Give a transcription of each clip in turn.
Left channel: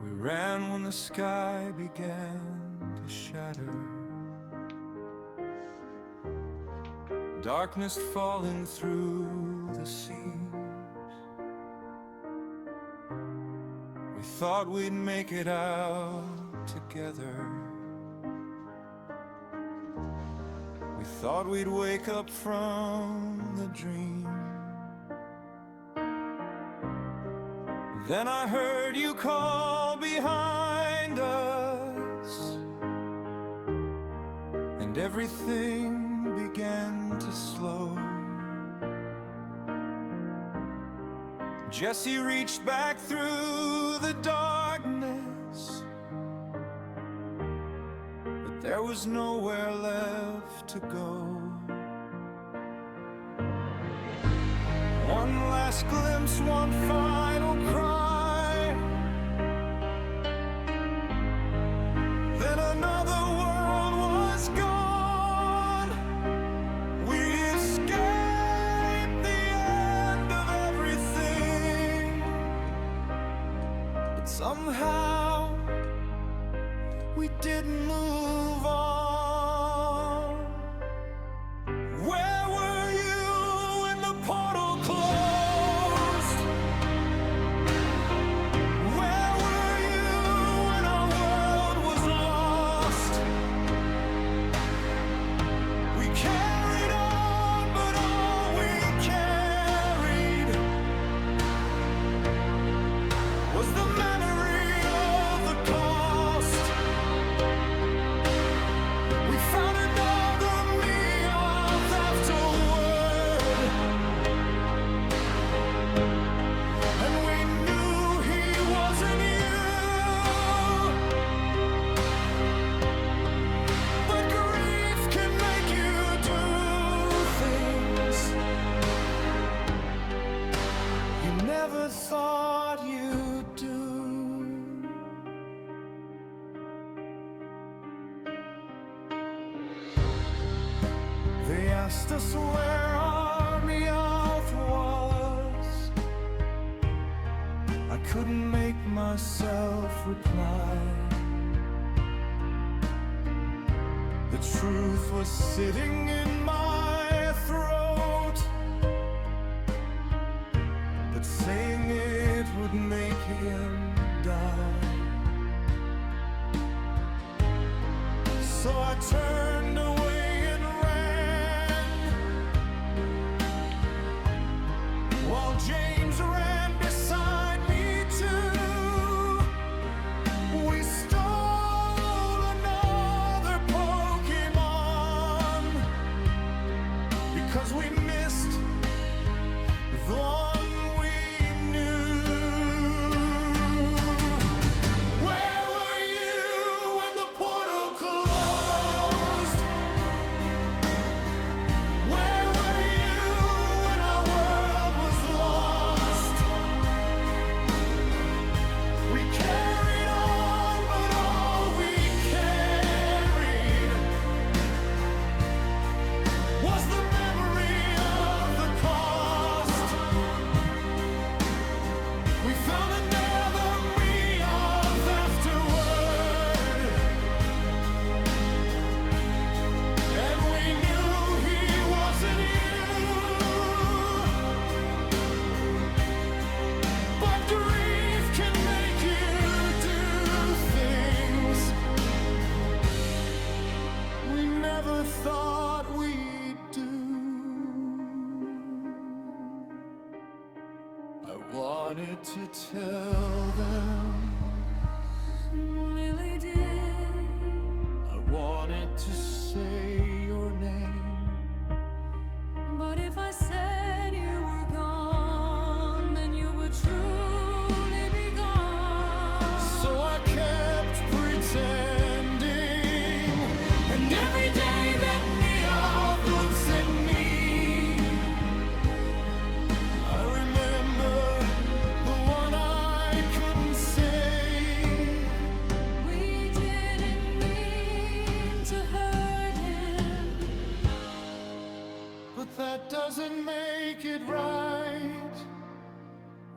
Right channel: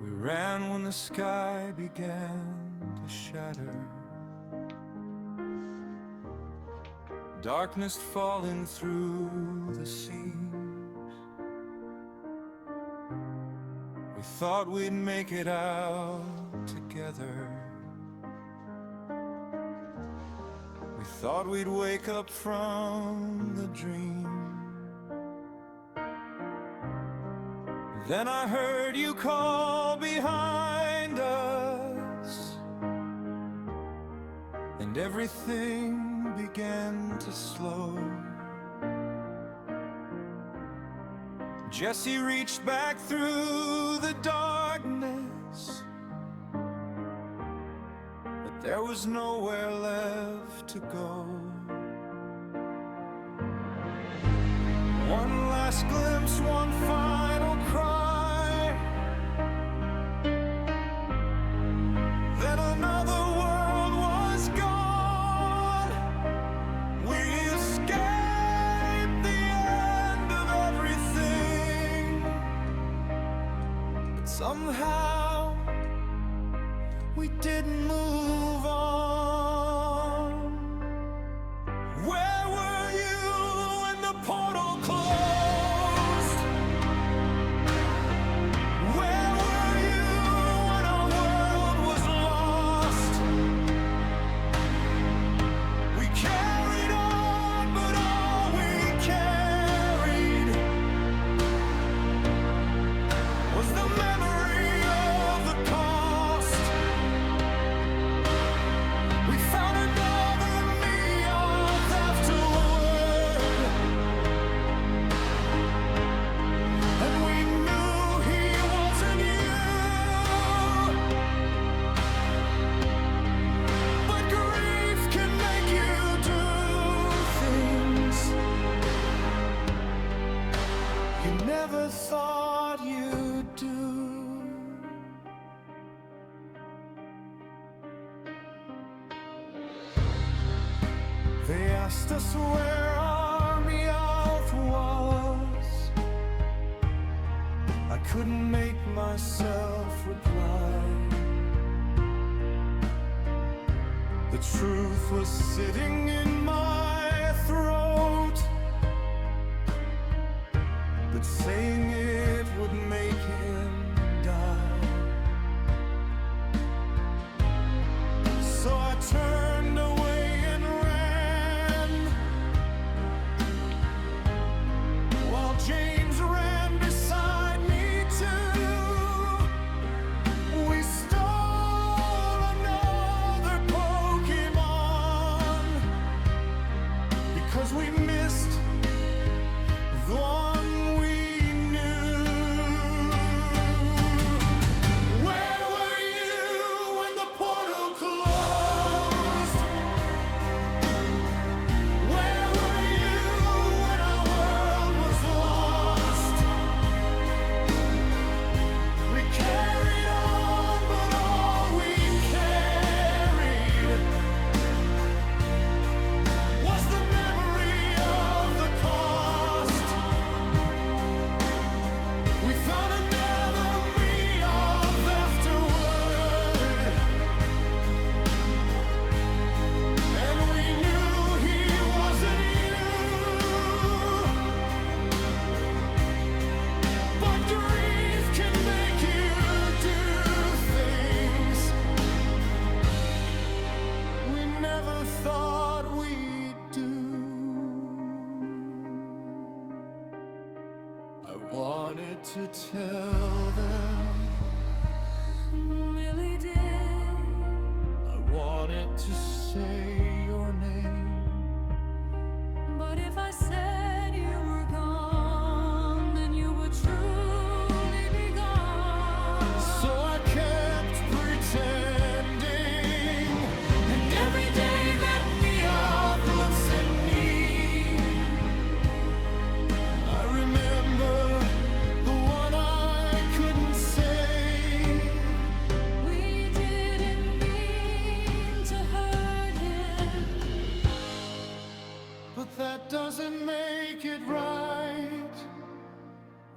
We ran when the sky began to shatter, darkness falling through the seams. We thought we'd make it out together. We thought we'd wake up from the dream. Then I heard you call behind us, and everything began to slow. Jesse reached back through the darkness, but there was nowhere left to go. One last glimpse, one final cry, then another world was gone. We escaped the end of everything, but somehow we didn't move on. Where were you when the portal closed? Where were you when our world was lost? We carried on, but all we carried was the memory of the cost. We found another Meowth afterward, and we knew he wasn't you. But grief can make you do things you never thought you'd do. They asked us where our Meowth was. I couldn't make myself reply. The truth was sitting in my throat, but saying it would make him die. So I turned away and ran, while James ran beside me too. We stole another Pokemon because we missed the one we knew. Where were you when the portal closed? Where were you when our world was lost? We carried on, but all we carried was the memory of the cost. We found another Meowth afterward, and we knew he wasn't you. But grief can make you do things we never thought we'd do. I wanted to tell them, Really did. I wanted to say your name, But if I said you were gone, then you would truly be gone. so I kept pretending. And every day that Meowth looks at me, I remember the one I couldn't say. We didn't mean to hurt him, But that doesn't make it right.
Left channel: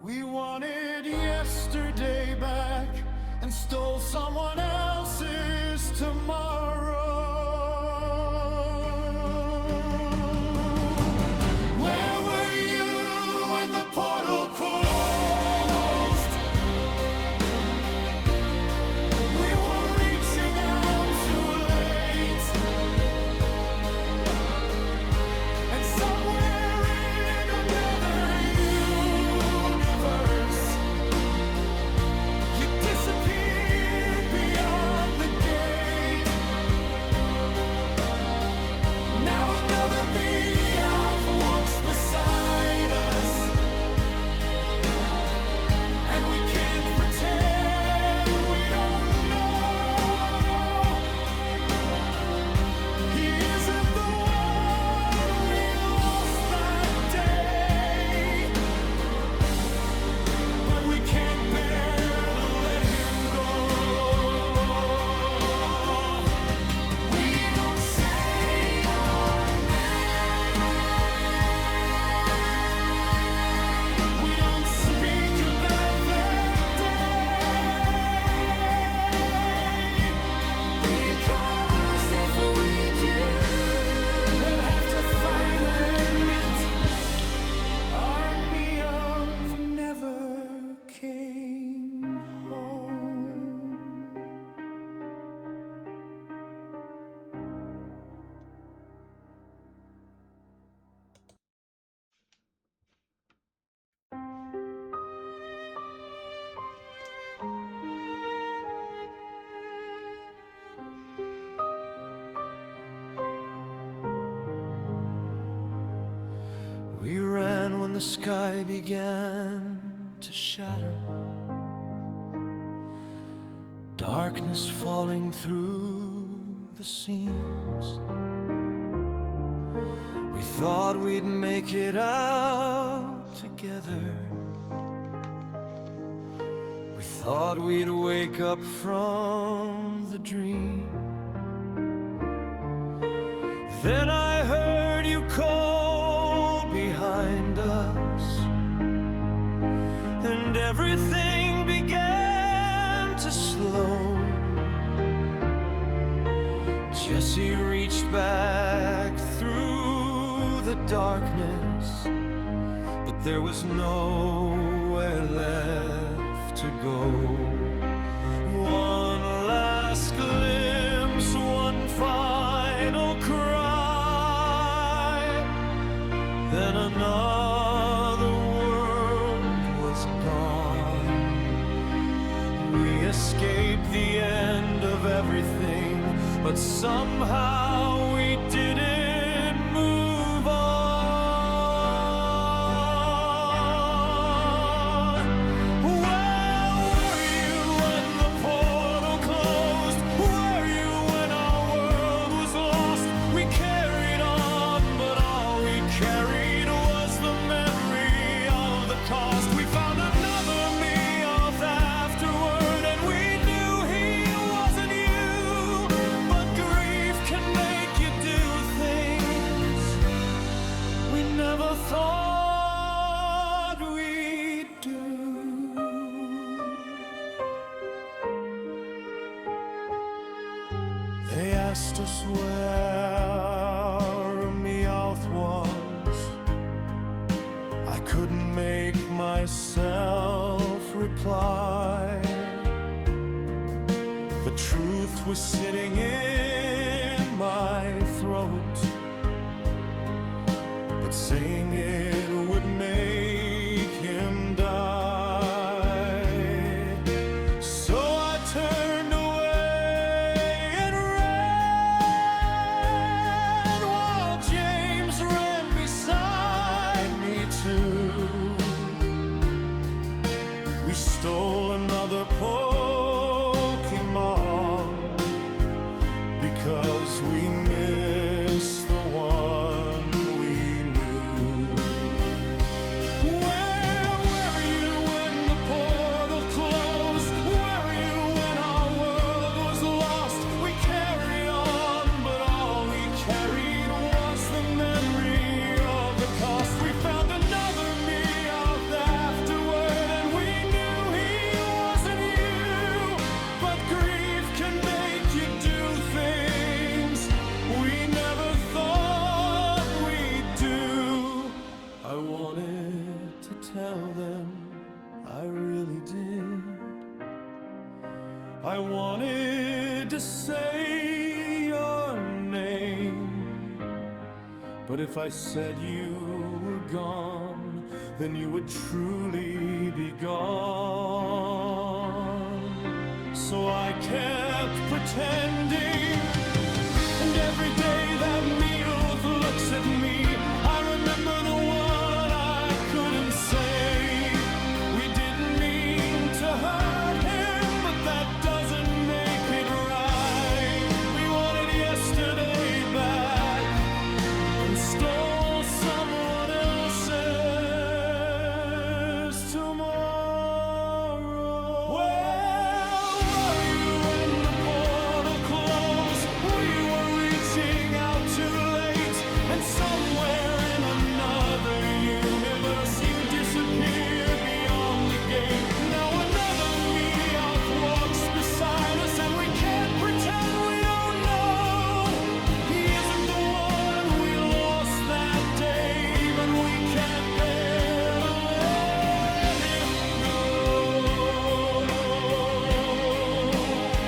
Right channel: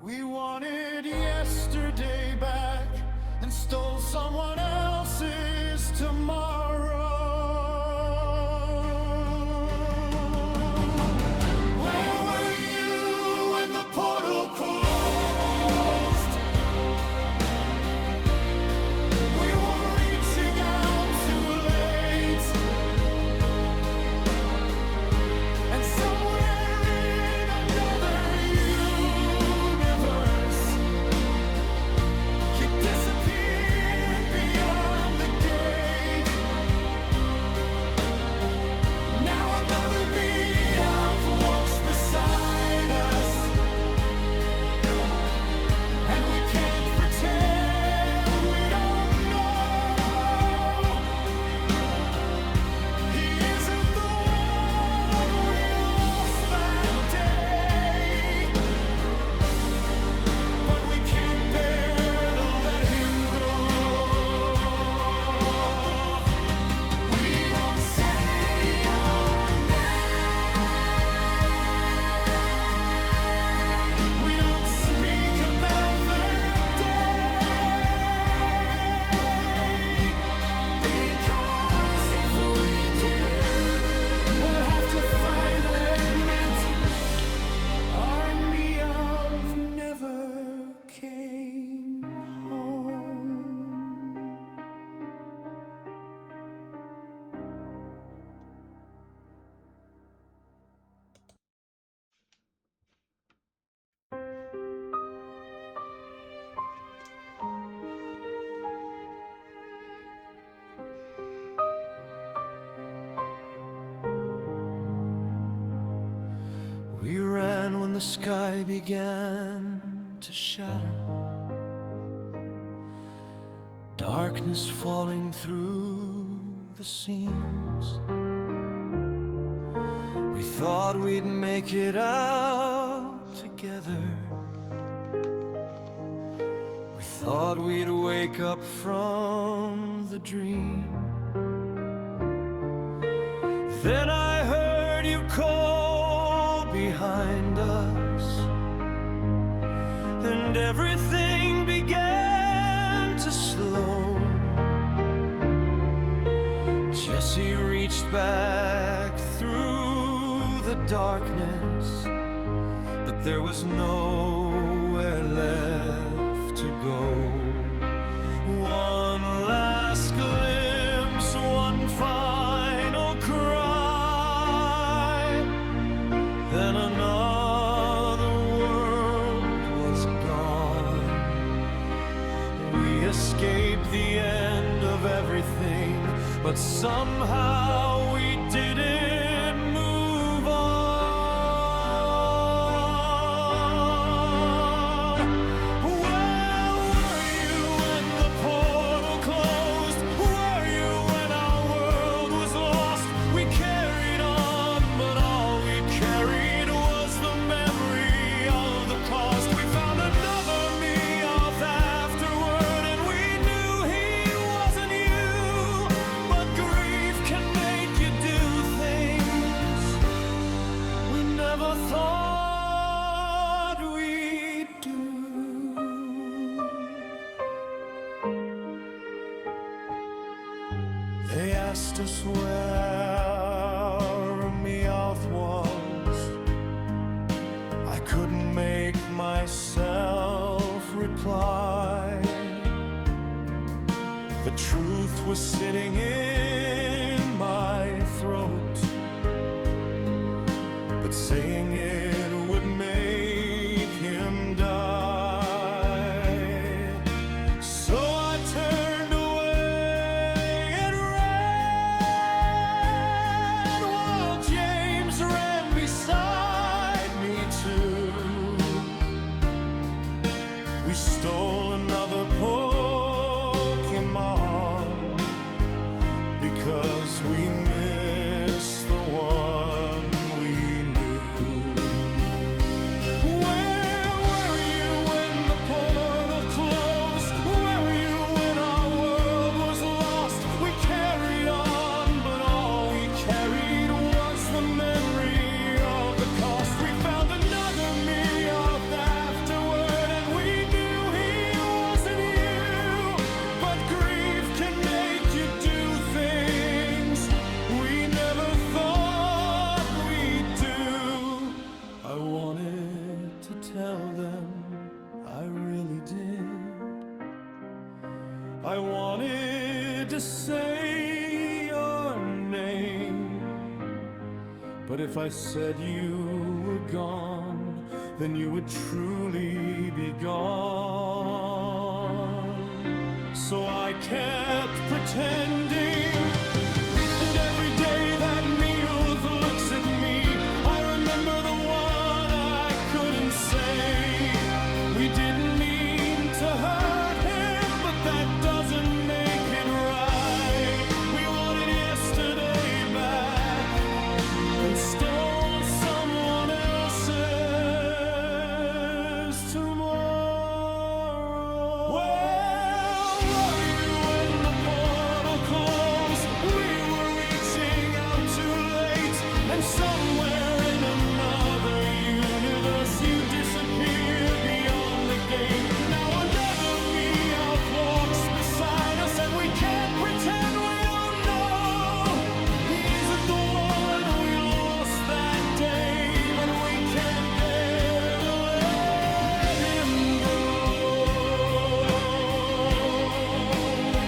We wanted yesterday back, and stole someone else's tomorrow. Where were you when the portal closed? We were reaching out too late, and somewhere in another universe, you disappeared beyond the gate. Now another Meowth walks beside us, and we can't pretend we don't know. He isn't the one we lost that day, but we can't bear to let him go. We don't say your name. We don't speak about that day, because if we do, we'll have to finally admit our Meowth never came home. We ran when the sky began to shatter, darkness falling through the seams. We thought we'd make it out together. We thought we'd wake up from the dream. Then I heard you call behind us, and everything began to slow. Jesse reached back through the darkness, but there was nowhere left to go. One last glimpse, one final cry, then another world was gone. We escaped the end of everything, but somehow we didn't move on. Where were you when the portal closed? Were you when our world was lost? We carried on, but all we carried was the memory of the cost. We found another Meowth afterward, and we knew he wasn't you. But grief can make you do things we never thought we'd do. They asked us where a Meowth was. I couldn't make myself reply. The truth was sitting in my throat, but saying it would make him die. So I turned away and ran, while James ran beside me too. We stole another Pokemon because we missed the one we knew. Where were you when the portal closed? Where were you when our world was lost? We carried on, but all we carried was the memory of the cost. We found another Meowth afterward, and we knew he wasn't you. tell them I really did. I wanted to say your name, but if I said you were gone, then you would truly be gone. So I kept pretending, and every day that Meowth looks at me, I remember the one I couldn't say. We didn't mean to hurt him, but that doesn't make it right. We wanted yesterday back and stole someone else's tomorrow. Where were you when the portal closed? We were reaching out too late, and somewhere in another universe you disappeared beyond the gate. Now another Meowth walks beside us, and we can't pretend we don't know. He isn't the one we lost that day, but we can't bear to let him go.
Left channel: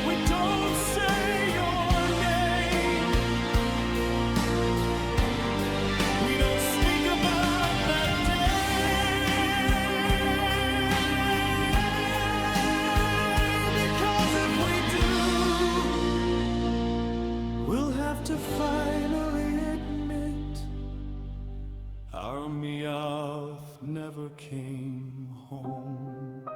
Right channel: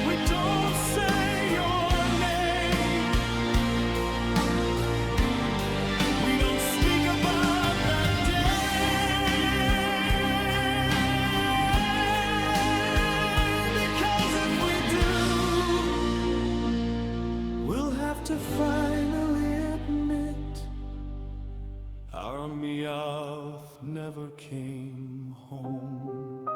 We don't say your name, we don't speak about that day, because if we do, we'll have to finally admit our Meowth never came home.